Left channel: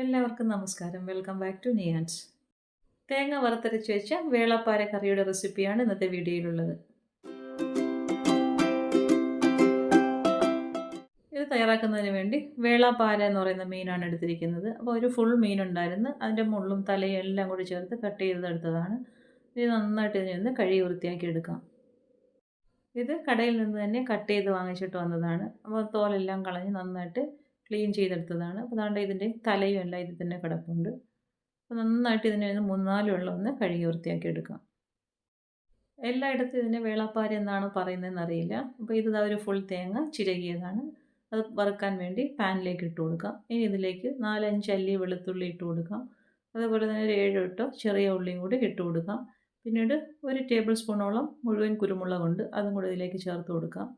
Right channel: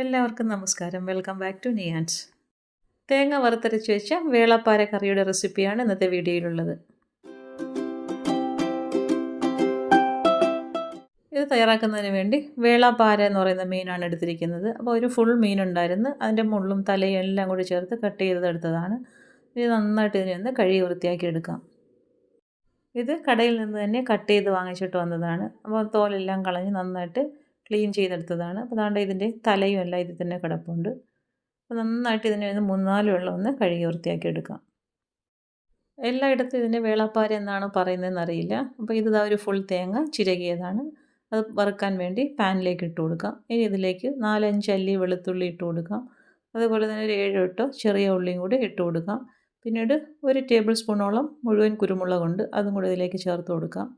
എല്ലാവർക്കും നമസ്കാരം. Welcome back to Niyans. തേങ്ങ വറുത്തരച്ച് വെച്ച വേളാപ്പാര കറിയുടെ റെസിപ്പിയാണ് ഇന്നത്തെ വീഡിയോയിലുള്ളത്. ഇത് തയ്യാറാക്കുന്നതിന് വേണ്ടി വേളാപ്പാര എന്ന് പറയുന്ന മീനാണ് എടുത്തിരിക്കുന്നത്. അപ്പോൾ ഒരു ഫുൾ മീനുണ്ടായിരുന്നു. അതിൻ്റെ മുള്ളും തലയും എല്ലാം കൂടി ചേർത്ത് കട്ട് ചെയ്തെടുത്തതാണ്. ഇത് നന്നായിട്ട് ഇതിനെ കഴുകി വൃത്തിയാക്കി എടുക്കാം. ഇത് കടയിൽ നിന്ന് തന്നെ കട്ട് ചെയ്ത് വാങ്ങിച്ചിട്ട് വന്നതാണ്. അപ്പോൾ തോലെല്ലാം കളഞ്ഞ് നന്നായിട്ട് ക്ലീൻ ചെയ്തെടുത്തതാണ്. അപ്പോൾ അതുകൊണ്ട് ഇതിൻ്റെ തലയും എല്ലാം ഇതിൽ തന്നെ കിടപ്പുണ്ട്. അപ്പോൾ നന്നായിട്ട് ഇതിനെ ഒന്ന് 3-4 വെള്ളം ഒന്ന് കഴുകി വൃത്തിയാക്കി എടുക്കാം. എല്ലായിടത്തും ഇതിനെ വേളാപ്പാര എന്നാണ് പറയുന്നതെന്ന് അറിയില്ല. അപ്പോൾ ഇത് ഒരു ഫുൾ തേങ്ങ ചിരകിയതാണ്. അത് വറുക്കാൻ വേണ്ടി പാനിലേക്ക് ഇട്ട് കൊടുക്കാം. ഇനി ഇതിലേക്ക് 4-5 അല്ലി വെളുത്തുള്ളി ഇട്ട് കൊടുക്കാം. അതുപോലെ തന്നെ ഒരു 7-8 ചെറിയ ഉള്ളിയും കൂടി ഇട്ട് കൊടുക്കാം. പിന്നീട് 1 ടേബിൾ സ്പൂണോളം മുഴുവൻ കുരുമുളകുണ്ട്, അതും കൂടി ഇതിലേക്ക് ചേർത്ത് കൊടുക്കാം.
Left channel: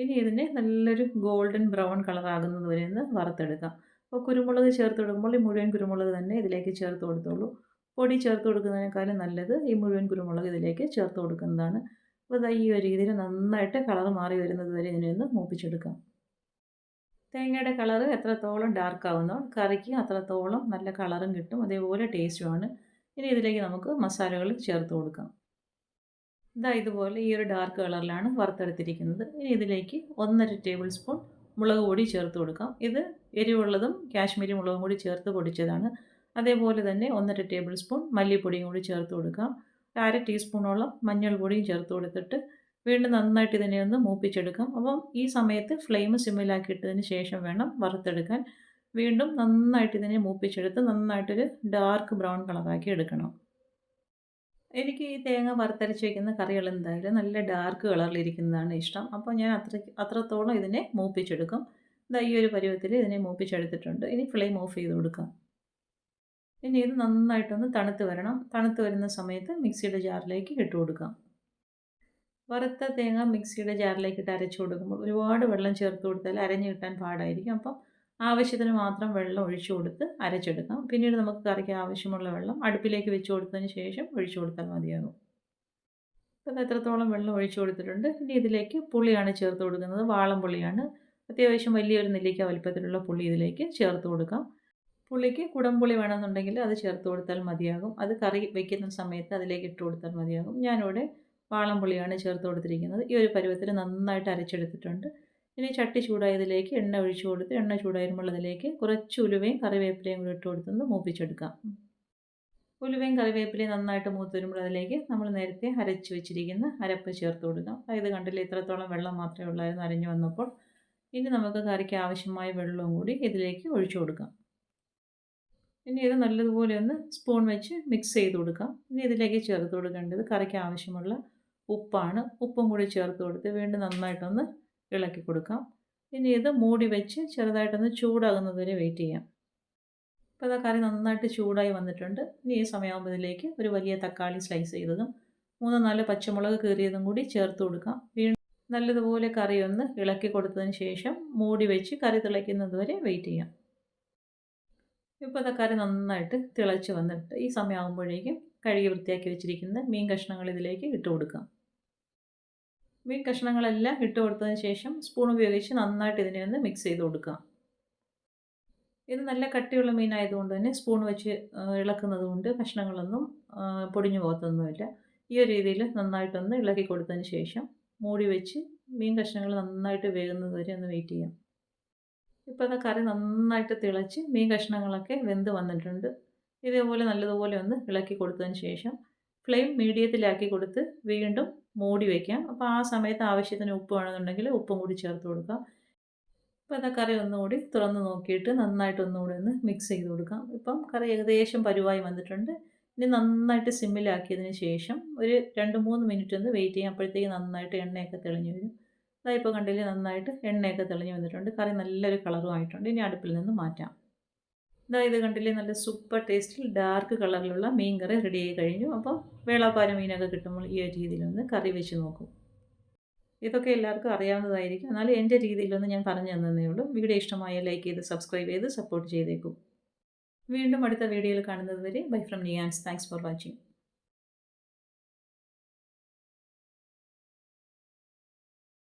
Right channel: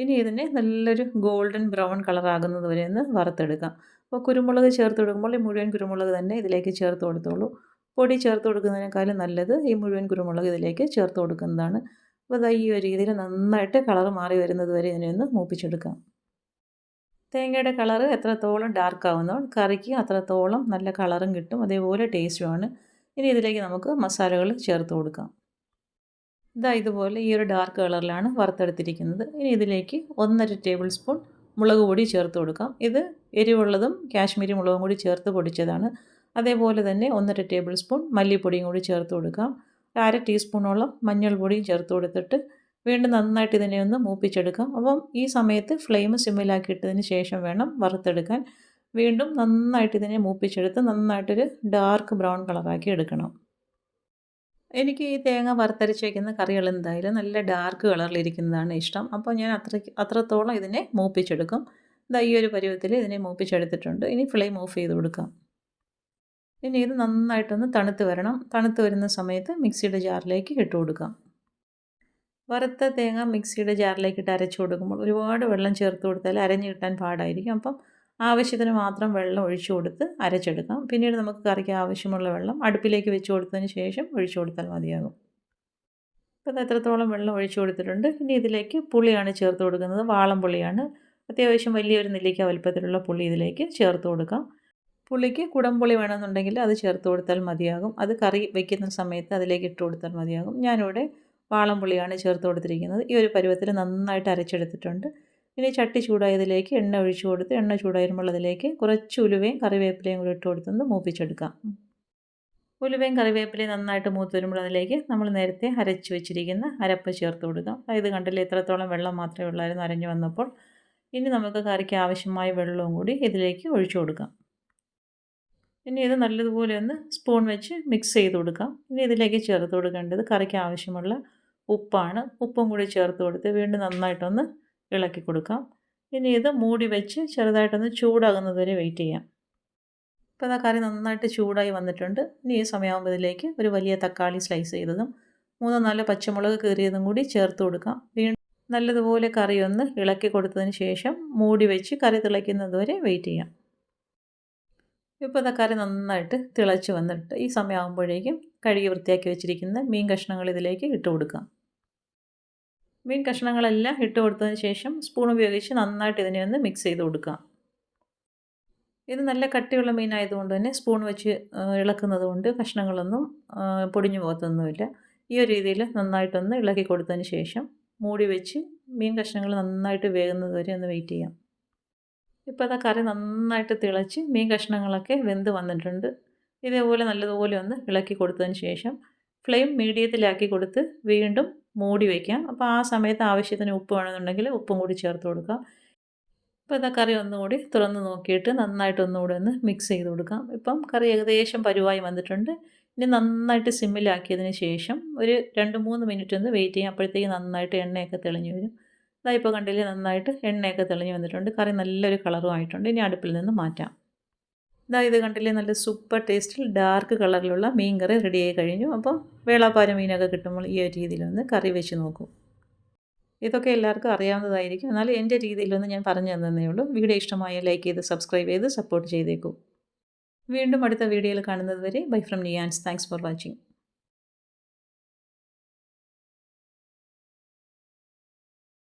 ഇനി ഇതിനെ നല്ലൊരു ഗോൾഡൻ ബ്രൗൺ കളറാകുന്നത് വരെ ഒന്ന് വറുത്തെടുക്കാം. അപ്പോൾ കുരുമുളക് ചേർത്ത് കൊടുക്കുമ്പോൾ ഈ മുഴുവൻ കുരുമുളക് തന്നെ ഇതിലേക്ക് ചേർത്ത് കൊടുത്തോളൂ. പൊടി ചേർത്ത് കൊടുക്കുന്നതിനേക്കാളും നല്ലത് ഈ മുഴുവൻ കുരുമുളക് ഇതിലേക്ക് ചേർത്ത് കൊടുക്കുന്നതാണ്. അപ്പോൾ ഈ ഒരു രീതിയിൽ നന്നായിട്ട് കളർ മാറി വരുന്നത് വരെ ഇതിനെ ഒന്ന് മൂപ്പിച്ചെടുക്കാം. തേങ്ങയുടെ കളറ് എത്രത്തോളം ഡാർക്ക് ആവുന്നോ കറിക്ക് അത്രത്തോളം നല്ല കളറും കിട്ടും, അതേപോലെ ടേസ്റ്റുമാണ്. ഇനി ഇതിലേക്ക് നമുക്ക് മസാലകൾ ചേർത്ത് കൊടുക്കാം. ഇതുപോലെ ഈ ഒരു ഡാർക്ക് കളറിലാണ് വറുത്തെടുത്തിരിക്കുന്നത്. ഇനി ഇതിലേക്ക് 1.5 ടേബിൾ സ്പൂൺ മുളക് പൊടി ചേർത്ത് കൊടുക്കാം. ഇത് എരിവുള്ളതും കാശ്മീരി മുളകും കൂടി ചേർത്ത് പൊടിച്ചതാണ്. അതേപോലെ തന്നെ 1.5 ടേബിൾ സ്പൂൺ മല്ലിപ്പൊടിയും കൂടി ചേർത്ത് കൊടുക്കാം. 1/2 ടീസ്പൂണോളം മഞ്ഞൾപ്പൊടിയും ചേർത്ത് കൊടുത്തിട്ട് വീണ്ടും നന്നായിട്ട് ഇതിനെ ഒന്ന് മൂപ്പിച്ചെടുക്കാം. അപ്പം ഈ സമയത്ത് ഫ്ലെയിം സിമ്മിലാക്കിയിട്ടതിന് ശേഷം വേണം വറുത്തെടുക്കാൻ. വീണ്ടും നന്നായിട്ട് ഇതിനെ മൂപ്പിച്ചെടുത്ത് നന്നായിട്ടൊരു ഡാർക്ക് ബ്രൗൺ കളറാക്കി എടുക്കണം. എനിക്ക് ഈ തേങ്ങ വറുത്തരച്ച് വയ്ക്കുന്ന കറികൾ എന്തായാലും നല്ല ഡാർക്ക് കളറിലിരിക്കുന്നതാണ് ഇഷ്ടം. അപ്പോൾ ഞാൻ അത്രത്തോളം ഇതിനെ മൂപ്പിച്ചെടുക്കും. ഈ ഒരു പരുവത്തിൽ ഇതിനെ മൂപ്പിച്ചെടുത്തിട്ടുണ്ട്. ഇനി ഫ്ലെയിം ഓഫ് ചെയ്ത് കൊടുക്കാം. ഇനി ഇത് നന്നായിട്ടൊന്ന് തണുത്ത് വരണം. തണുത്ത് വരുന്ന സമയത്ത് മിക്സിയുടെ ജാറിലേക്ക് ഇട്ട് കൊടുക്കാം. വറുത്ത തേങ്ങ മിക്സിയുടെ ജാറിലേക്ക് ഇട്ട് അരച്ച് കൊടുക്കുമ്പോൾ ഒരുപാട് വെള്ളം ചേർത്ത് കൊടുത്താൽ അരഞ്ഞ് കിട്ടാൻ പാടായിരിക്കും. അപ്പം ആവശ്യത്തിന് മാത്രം വെള്ളം ഒഴിച്ചു കൊടുത്ത് അരച്ചെടുക്കാം. പിന്നീട് നമുക്ക് കറിക്ക് ആവശ്യമുള്ള വെള്ളം അടുപ്പിലേക്ക് വെച്ച് കൊടുത്തതിന് ശേഷം ഒഴിച്ചു കൊടുത്താൽ മതിയാകും. അപ്പോൾ എത്രത്തോളം വെള്ളം ഒഴിച്ചു കൊടുത്തിട്ടുണ്ട്. ഇനി ഇതിലേക്ക് പുളിയാണ് ചേർത്ത് കൊടുക്കുന്നത്. വാളംപുളിയാണ്. അത്യാവശ്യം വലിയൊരു നെല്ലിക്ക വലുപ്പത്തിലുള്ള പുളി ഇതിലേക്ക് ചേർത്ത് കൊടുക്കാം. പുളിക്ക് കുടംപുളി വേണമെന്നുണ്ടെങ്കിൽ അത് ചേർത്ത് കൊടുത്താൽ മതിയാകും. അത് കറി വയ്ക്കുന്ന സമയത്ത് അതിലേക്ക് ഇട്ട് കൊടുത്താൽ മതിയാകും. ഞാനിവിടെ വാളംപുളിയാണ് ചേർത്ത് കൊടുത്തിരിക്കുന്നത്. ഈ ഒരു പരുവത്തിൽ നന്നായിട്ട് അരച്ചെടുത്തിട്ടുണ്ട്. ഇനി ചട്ടി ചൂടായതിലേക്ക് എണ്ണ ഒഴിച്ചു കൊടുത്ത് എണ്ണ ചൂടായിരുമ്പോൾ അതിലേക്ക് കുറച്ച് ഉലുവയും കറിവേപ്പിലയും കൂടി ഇട്ട് കൊടുത്തൊന്ന് മൂപ്പിച്ചെടുക്കാം. ഉലുവയും കറിവേപ്പിലയും നന്നായിട്ട് മൂത്ത് വരുമ്പോൾ അതിലേക്ക് നമ്മൾ നേരത്തെ അരച്ച് വെച്ചിരിക്കുന്ന അരപ്പ് ചേർത്ത് കൊടുക്കാം. ഇത് കണ്ടില്ലേ, ഇത്രത്തോളം വെള്ളം മാത്രമേ ഉള്ളായിരുന്നു അരഞ്ഞു വന്നപ്പോൾ. ഇനി നമുക്ക് കറിക്ക് ആവശ്യമായ വെള്ളവും കൂടി ഇതിലേക്ക് ഒഴിച്ചു കൊടുക്കാം. ഇനി ഇത് നല്ലതുപോലെ ഒന്ന് സ്പൂൺ വെച്ച് മിക്സ് ചെയ്ത് കൊടുക്കാം. ഇനി ഇതിലേക്ക് ചേർത്ത് കൊടുക്കേണ്ടത് കറിക്ക് ആവശ്യമുള്ള ഉപ്പാണ്. ഉപ്പും കൂടി ചേർത്ത് കൊടുത്ത് വീണ്ടും നന്നായിട്ടൊന്ന് ഇളക്കി കൊടുക്കാം. ഇനി ഇത് മൂടി വെച്ച് ചെറുതായിട്ടൊന്ന് ചൂടാകുന്നത് വരെ വെയിറ്റ് ചെയ്യാം. ഇപ്പോൾ കറി നന്നായിട്ട് ചൂടായി വന്നിട്ടുണ്ട്. ഇനി ഈ സമയമാകുമ്പോൾ ഇതിലേക്ക് ഒരു വലിയ തക്കാളി സ്ലൈസ് ചെയ്തതും 3-4 പച്ചമുളക് കീറിയതും കൂടി ചേർത്ത് കൊടുക്കാം. വീണ്ടും നല്ലതുപോലെ കറി ഒന്ന് ഇളക്കി കൊടുത്തതിന് ശേഷം മൂടി വെച്ച് കറി തിളയ്ക്കുന്നത് വരെ വെയിറ്റ് ചെയ്യാം. ഇപ്പോൾ കറി നന്നായിട്ട് തിളച്ച് വന്നിട്ട് ഈ സമയമാകുമ്പോഴേക്കും കഴുകി വൃത്തിയാക്കി വെച്ചിരിക്കുന്ന മീൻ കഷ്ണങ്ങൾ ഇതിലേക്ക് ഇട്ട് കൊടുക്കാം. മീൻ കഷ്ണങ്ങളെല്ലാം ഇട്ട് കൊടുത്തതിന് ശേഷം സ്പൂൺ ഉപയോഗിച്ച് നന്നായിട്ട് ഇതിനെ ഒന്ന് മിക്സ് ചെയ്ത് കൊടുക്കാം. ഇത് നല്ല കട്ടിയുള്ള മീനായതുകൊണ്ട് തന്നെ സ്പൂൺ വെച്ച് ഇളക്കുന്നത് കൊണ്ട് കഷ്ണങ്ങളൊന്നും പൊടിഞ്ഞു പോകത്തൊന്നുമില്ല. ഈ ഒരു രീതിയിൽ നന്നായിട്ടൊന്ന് ഇളക്കി കൊടുത്തതിന് ശേഷം മൂടി വെച്ച് മീൻ കഷ്ണങ്ങൾ നന്നായിട്ട് വേകുന്നത് വരെ ഒന്ന് വെയിറ്റ് ചെയ്യാം. ഇപ്പോൾ കറി നന്നായിട്ട് തിളച്ച് മീൻ കഷ്ണങ്ങളൊക്കെ വെന്ത് വന്നിട്ടുണ്ട്. ഇതേപോലെ നല്ലതുപോലെ ഒന്ന് ഇളക്കി കൊടുത്തതിന് ശേഷം ഫ്ലെയിം മീഡിയത്തിലാക്കി കൊടുത്ത് വീണ്ടും മൂടി വയ്ക്കാം. അപ്പോൾ ആ സമയത്ത് ആവശ്യത്തിന് ഉപ്പ് വേണമെന്നുണ്ടെങ്കിൽ ഉപ്പും കൂടി ചേർത്ത് കൊടുക്കാം. ഇപ്പോൾ കറി ഒന്നുകൂടി തുറന്ന് നോക്കിയിട്ട് നന്നായിട്ട് ഒന്നുകൂടി ഒന്ന് മിക്സ് ചെയ്ത് കൊടുക്കാം. ഇപ്പം കറി ഏകദേശം പരുവായി വന്നിട്ടുണ്ട്. ഇനി നന്നായിട്ട് സിമ്മിലാക്കിയതിന് ശേഷം ഒരു 2-3 മിനിറ്റ് ഒന്ന് വെയിറ്റ് ചെയ്യാം. അപ്പോഴത്തേക്ക് നന്നായിട്ട് എണ്ണയൊക്കെ തെളിഞ്ഞ് വരും. ഇപ്പോൾ കണ്ടില്ലേ, നന്നായിട്ട് എണ്ണയൊക്കെ തെളിഞ്ഞ് വന്നിട്ടുണ്ട്. കറി നല്ലൊരു കളറും ആയിട്ടുണ്ട്. ഇനി അടുപ്പിൽ നിന്ന് മാറ്റാം. ഇത് കണ്ടില്ലേ, നല്ല സൂപ്പർ ടേസ്റ്റിൽ ഡാർക്ക് കളറിലുള്ള മീൻ കറി റെഡിയായി കഴിഞ്ഞു. അപ്പം വേളാപ്പാര മീനൊക്കെ കിട്ടുമ്പോൾ ഈ ഒരു രീതിയിലൊന്ന് കറി വെച്ച് നോക്കും. ഇതൊക്കെ എല്ലാവർക്കും അറിയാവുന്നതായിരിക്കും. എന്നാലും എൻ്റെ രീതിയിലൊന്ന് ഞാൻ പറഞ്ഞു തന്നേ ഉള്ളൂ. വീഡിയോ ഇഷ്ടമായ ലൈക്ക് ചെയ്ത് സബ്സ്ക്രൈബ് ചെയ്ത് സപ്പോർട്ട് ചെയ്തേക്കും. വീണ്ടും അടുത്ത വീഡിയോയിൽ കാണുന്നത് വരെ bye from Niyans. Thanks for watching.